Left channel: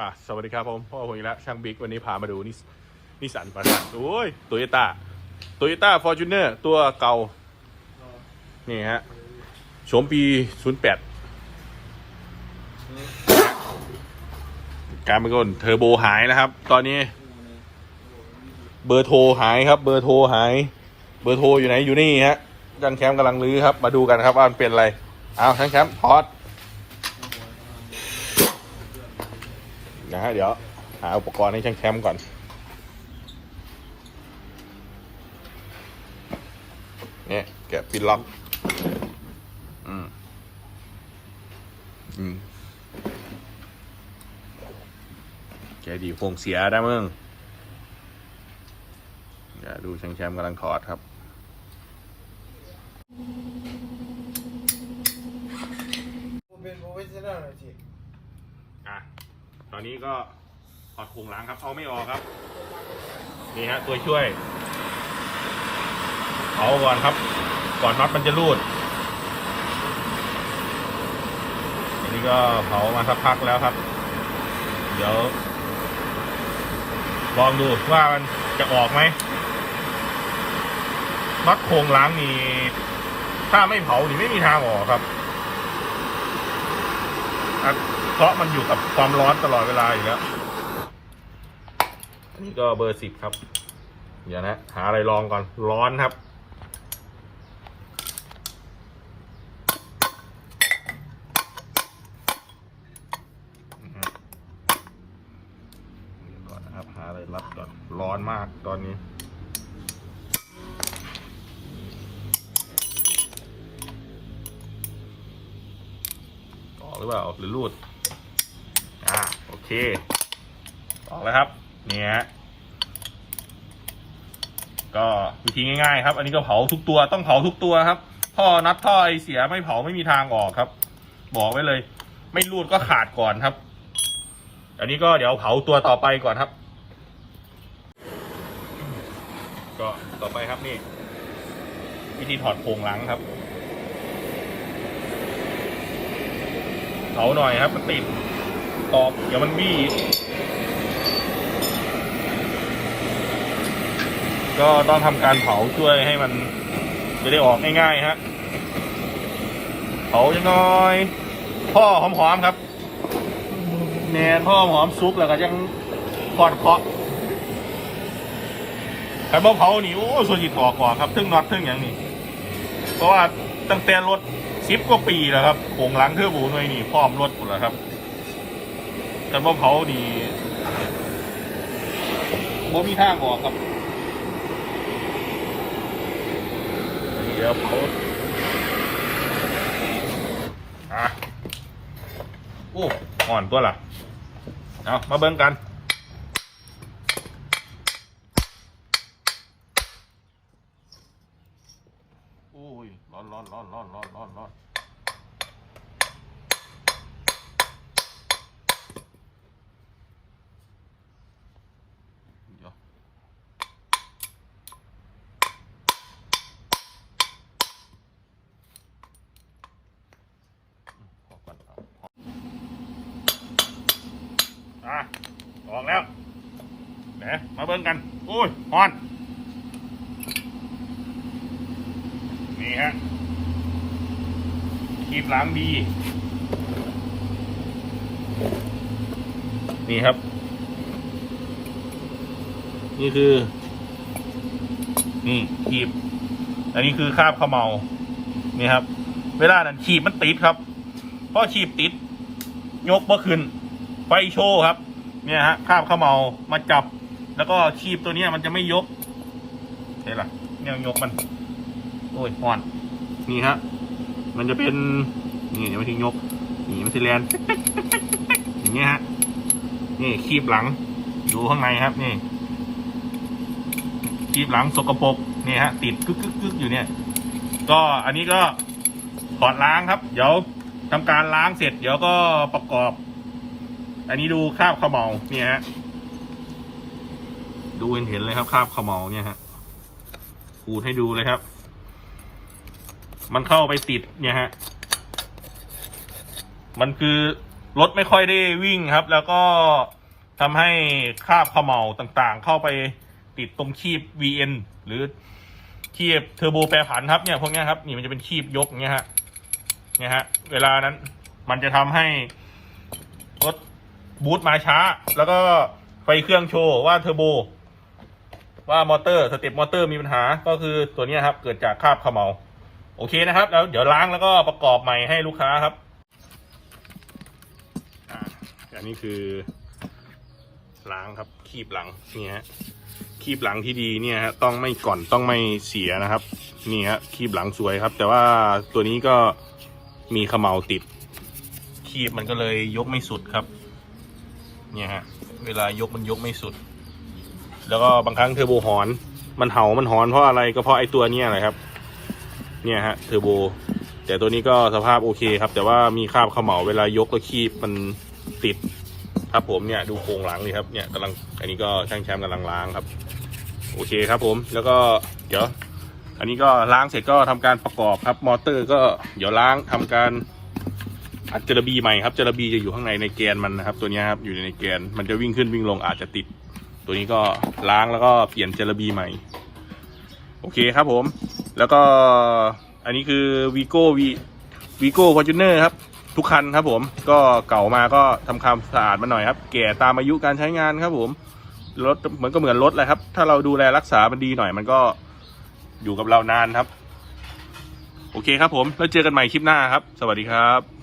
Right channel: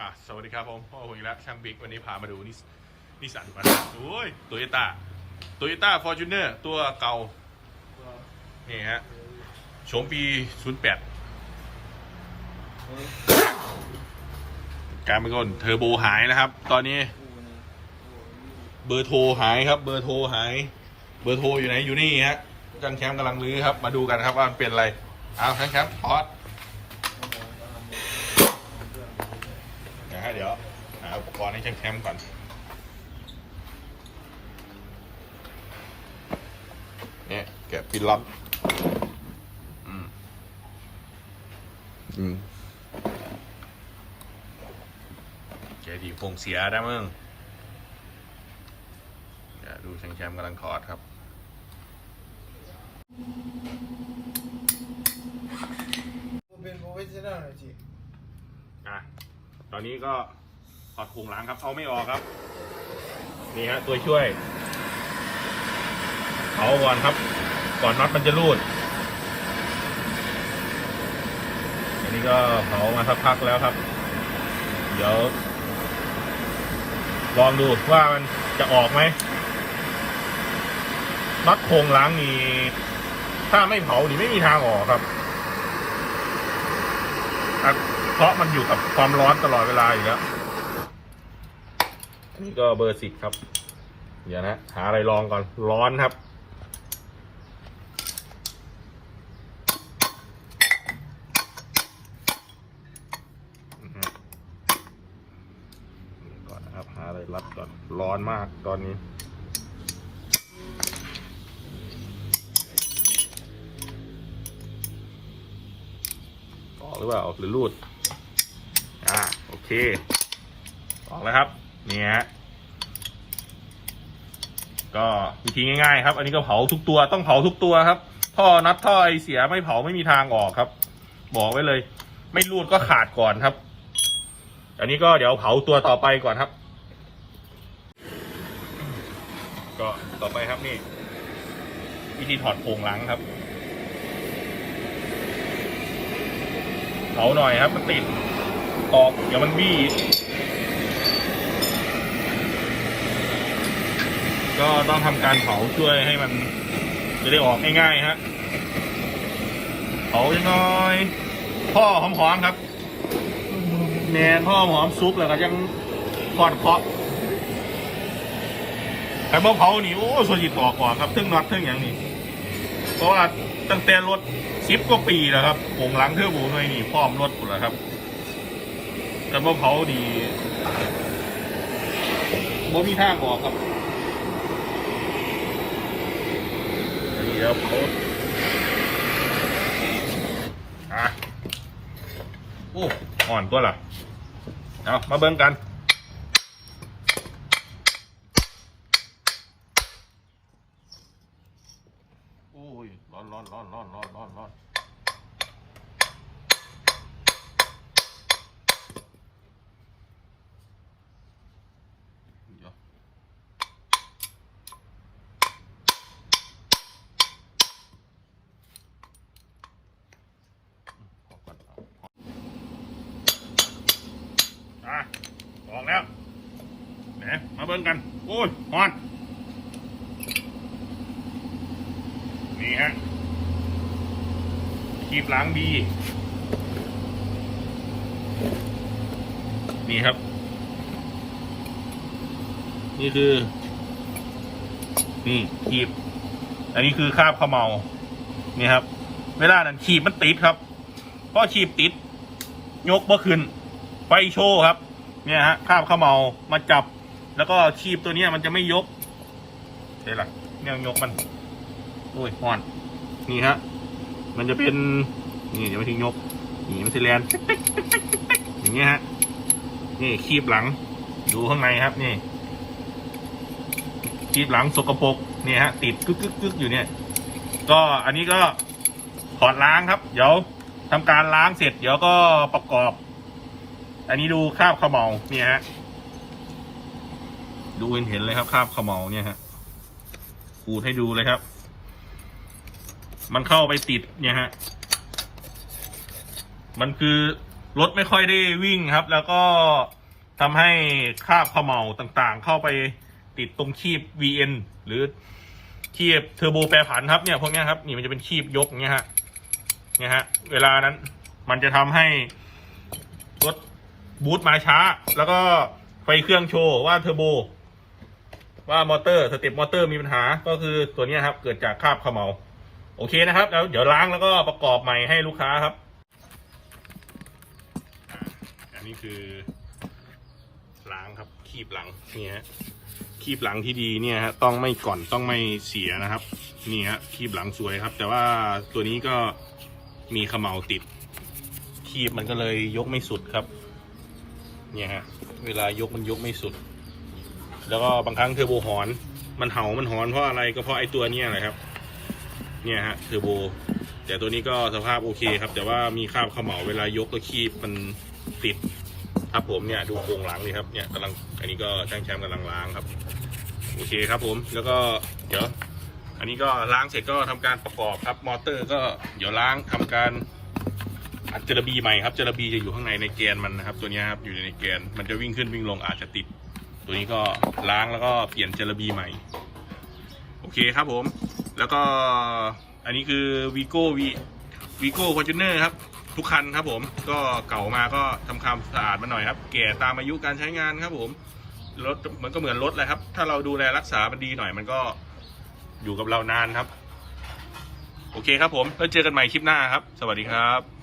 อะสวัสดีครับผมพ่อผมอีกแล้วช่างบิ๊กวันนี้พามาดูนิสนิสสันก่อนนะโอ้ยโตโยต้าโตโยต้าฟอร์จูเนอร์ตัวเก่า นี่ฮะโฉมปี 08 การเป็นคนเทอร์โบหายนะครับ ตอนนี้ เบอร์โทรหายครับ เบอร์โทรหาย เบอร์โทรอยู่ไหนอยู่นี่ฮะจันแคมป์กำลังรื้อครับ มาดูกันครับว่ามันเป็นอะไร เอาจันแคมป์พอด นะฮะเดี๋ยวหาอุปกรณ์ให้ช่างแคมป์ก่อน เนี่ยแกะปิดล็อกอืมอืมแกดีคงเสียได้มึงเดี๋ยวดูช่างแชมป์กำลังถอดครับ เป็นโปรเฟชชั่นอลหน่อยสิ อะ ตอ นี้ก็ถอดโครงหลังครับ เอาไม่ออกครับ นี่ฮะตัวช่วย เอาก่อนครับ ก่อนน็อตมันจะรูด อันนี้ก็เผามาสักพักแล้วครับ เดี๋ยว ลองดูว่ามันจะออกไหมน็อตโครงล้างนี่ถ้าไม่เผานี่ไม่มีทางออกครับ เพราะมันอยู่กับความร้อนตลอดเวลาอยู่แล้วอันนี้ก็เบอร์สิบครับ เดี๋ยวนะหาอะไรลองก่อนร้อนครับเดี๋ยวก่อนนะครับ หาอะไรรัดก่อนร้อนมากตอนนี้ออกหรือเปล่าออกหรือรูด อ่าโอเค ออกแล้วครับเนี่ยฮะ ก็วิธีง่ายๆ ครับ อันนี้ก็เผาทุกตัวต้องเผาทุกตัวครับ ท่อนัดท่อไอเสียไม่เผาไม่มีทางออกครับ บอกไว้เลย ไม่รูดก็ขาดก่อนครับ อันนี้ก็เดี๋ยวเผาตัวต่อไปก่อนครับ ก็ต่อไปครับนี่วิธีถอดโครงหลังครับเผาหน่อยครับมันติด ขอบเดี๋ยวมันบี้ ก็ต้องทำการเผาช่วยให้มัน จะได้ออกง่ายๆฮะ เผาหน่อยพ่อหอมๆครับแมนพ่อหอมซุปแล้วก็ยังกอดเคาะแต่บ่เผานี่โอ้ส่วนจิตออกก่อนครับทึ่งน็อตทึ่งอย่างนี้เพราะว่าตั้งแต่รถสิบกว่าปีแล้วครับโงหลังเทือร์โบหน่วยนี่พร้อมรถหมดแล้วครับ แต่ว่าเผาดีบ่มีทางออกครับเดี๋ยวเผาอะโอ้อ่อนตัวล่ะเอามาเบิ่งกันโอ้ยร้อนร้อนร้อนร้อนร้อนร้อนร้อนเดี๋ยวพอก่อนเอาพอ อะออกแล้วไหนมาเบิ่งกันโอ้ยฮอน นี่ฮะคีบล้างดี นี่ครับ นี่คือ นี่คีบ อันนี้คือคราบขมเมา นี่ครับ เวลานั้นขีบมันติดครับเพราะขีบติด ยกเมื่อคืนไฟโชว์ครับ เนี่ยฮะคราบเขมเมามาจับ แล้วก็ขีบตัวเนี้ยมันจะไม่ยกเห็นหรอเนี่ยยกมันโอ้ยอ่อน นี่ฮะ มันจะเป็น นี่เดี๋ยวมาทิ้งยกนี่มันสิแลนอย่างเงี้ยฮะ นี่คีบหลัง ดูข้างในครับ นี่คีบหลังสกปรกนี่ฮะ ติดกึกกึกอยู่เนี่ย ก็อันนี้ก็ถอดล้างครับ เดี๋ยวทำการล้างเสร็จ เดี๋ยวก็ประกอบ อันนี้ดูคราบเขมเมาเนี่ยฮะดูเห็นเลยครับคราบเขมเมาเนี่ยฮะขูดให้ดูเลยครับ มันเข้าไปติดเนี่ยฮะมันคือรถไม่ค่อยได้วิ่งครับ แล้วก็ทำให้คราบเขมเหลาต่างๆ เข้าไปติดตรงคีบ VN หรือคีบเทอร์โบแปรผันครับเนี่ยพวกนี้ครับนี่มันจะเป็นคีบยกเงี้ยฮะเนี่ยฮะ เวลานั้นมันจะทำให้รถ บูตมาช้า แล้วก็ไฟเครื่องโชว์ว่าเทอร์โบ ว่ามอเตอร์สเต็ปมอเตอร์มีปัญหาก็คือตัวนี้ครับ เกิดจากคราบเขมเหลาโอเคนะครับแล้วเดี๋ยวล้างแล้วก็ประกอบใหม่ให้ลูกค้าครับอันนี้คือล้างครับคีบหลังนี่ฮะคีบหลังที่ดีเนี่ยฮะต้องไม่ก่อนต้องไม่เสียนะครับ นี่ฮะคีบหลังสวยครับ แต่ว่าตัวนี้ก็มีเขมเหลาติด คีบมันก็เลยยกไม่สุดครับ เนี่ยฮะเวลายกมันยกไม่สุด แล้วก็บางครั้งเทอร์โบหอน มันเห่ามันหอนเพราะอะไรก็เพราะไอ้ตัวเนี้ยแหละครับ เนี่ยฮะเทอร์โบ แต่ตัวนี้ก็สภาพโอเคครับ แต่ว่ามีคราบเขมเหลาเวลายกก็คีบมันติดครับผมเนี่ยดูโครงหลังนี่ครับเนี่ยกำลังอันนี้ก็ช่างแชมป์กำลังล้างครับ โอเคครับผมแล้วก็เดี๋ยวอันนี้ก็ล้างเสร็จก็ทำการประกอบครับ มอเตอร์ก็เดี๋ยวล้างทำการ อัดเจลบีใหม่ครับเจลบีจะอยู่ข้างในในแกนมันนะครับ ตัวนี้ครับอยู่ในแกนมันจะวิ่งขึ้นวิ่งลงอาจจะติด ตัวนี้ก็ล้างแล้วก็เปลี่ยนเจลบีใหม่ โอเคครับผม แล้วก็อันนี้คือวีโก้วีวีโก้ฟอร์จูเนอร์ครับ ทุกคันครับผมก็เก่ามาก็ทำความสะอาดมาหน่อยครับ แก่ตามอายุการใช้งานครับผมรถเหมือนก็เหมือนรถแหละครับ ถ้าเราดูแลรักษามันดีหน่อย มันก็อยู่กับเรานานครับ โอเคครับผม แล้วเจอกันใหม่คลิปหน้าครับ สวัสดีครับ